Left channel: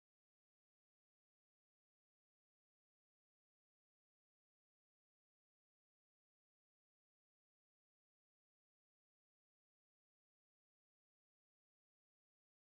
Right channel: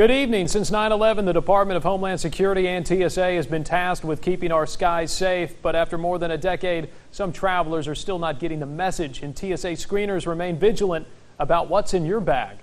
Good evening. Since 9/11, the Department of Homeland Security and TSA has been tasked with keeping our skies safe. But after more than a decade, some travelers are still not getting the message, and TSA screeners remain vigilant about what's in your bag.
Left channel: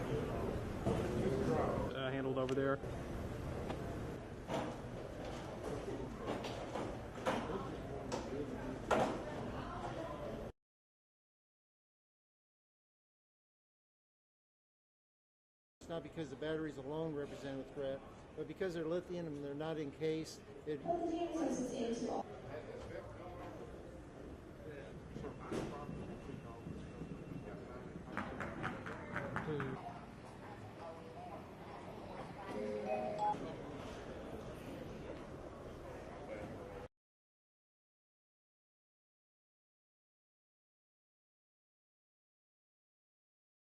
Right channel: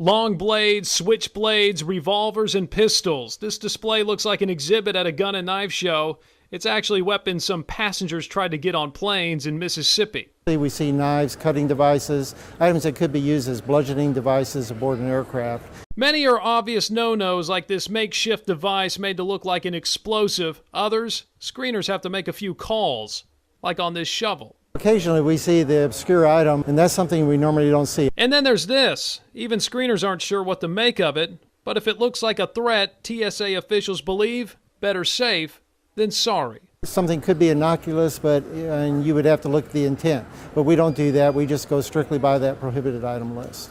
Long blades, switchblades, revolvers, and pistols. This display looks like an exhibit at a gun and knife show. It's actually weapons some passengers tried to get on planes in Mississippi. We see knives, cutting devices, items that could be used as bludgeoning devices aboard an aircraft. Many are obvious no-nos, like this makeshift device made to look like an explosive. Others, screeners have to make a few calls, like on this shovel. Occasionally we see the obscure item, and that's something we normally don't see. And then there's this. Even screeners aren't sure what to make of it, but if it looks like a threat, TSA officials believe better safe than sorry. Something could be innocuous, and you would have to look at the intent. But we don't do that. We just go strictly by that prohibited item list.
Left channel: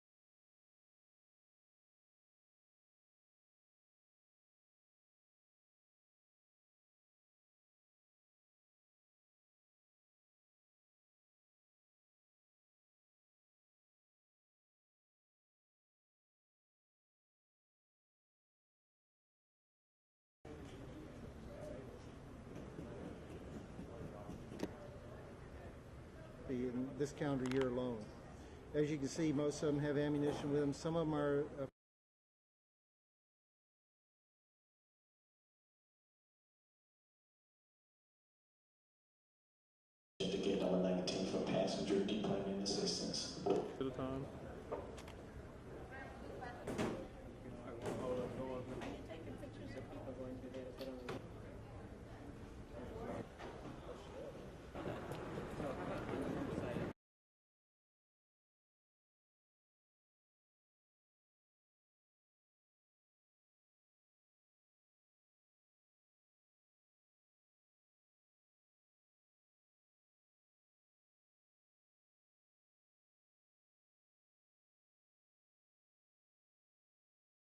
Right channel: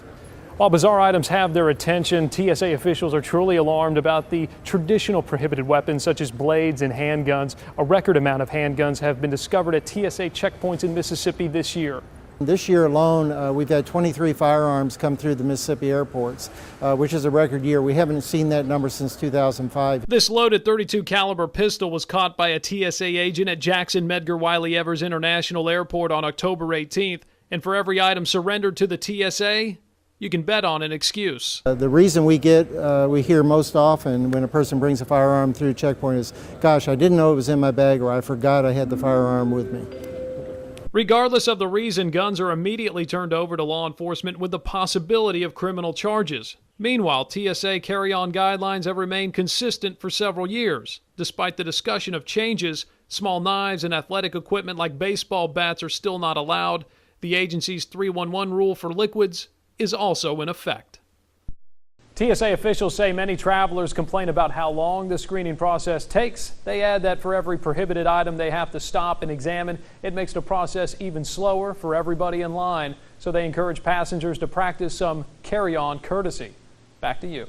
While bizarre items have their attention, TSA officials are truly alarmed about the traditional prohibited weapons such as blades and handguns. A record amount of handguns have been discovered at TSA checkpoints in Mississippi this year. This year alone, we've had 23 firearms come through the Mississippi airports, which is a record year. We haven't seen that number since 2005. This loaded .32 caliber pistol was caught by a TSA agent at Jackson Medgar Wiley Evers International Airport on October 18th. And for every item surrendered to the TSA, you can bet on an excuse. The reason we hear most often when a person brings a firearm through a checkpoint is, gosh, I didn't know it was in my bag, or I forgot I had the firearm with me. Regardless of the reason, guns are immediately turned over to law enforcement with the possibility of criminal charges. Meanwhile, TSA carry-on guidelines have remained consistent for several years. Despite the discussion of changes, small knives and athletic equipment like baseball bats are still not allowed. The agency's 311 rule for liquids is also in effect. TSA officials say many travelers complain about how long the screening process takes. They add that for every prohibited item they have to stop and examine, it makes the process even slower for everybody in line. So they encourage passengers to practice some carry-on courtesy. Back to you.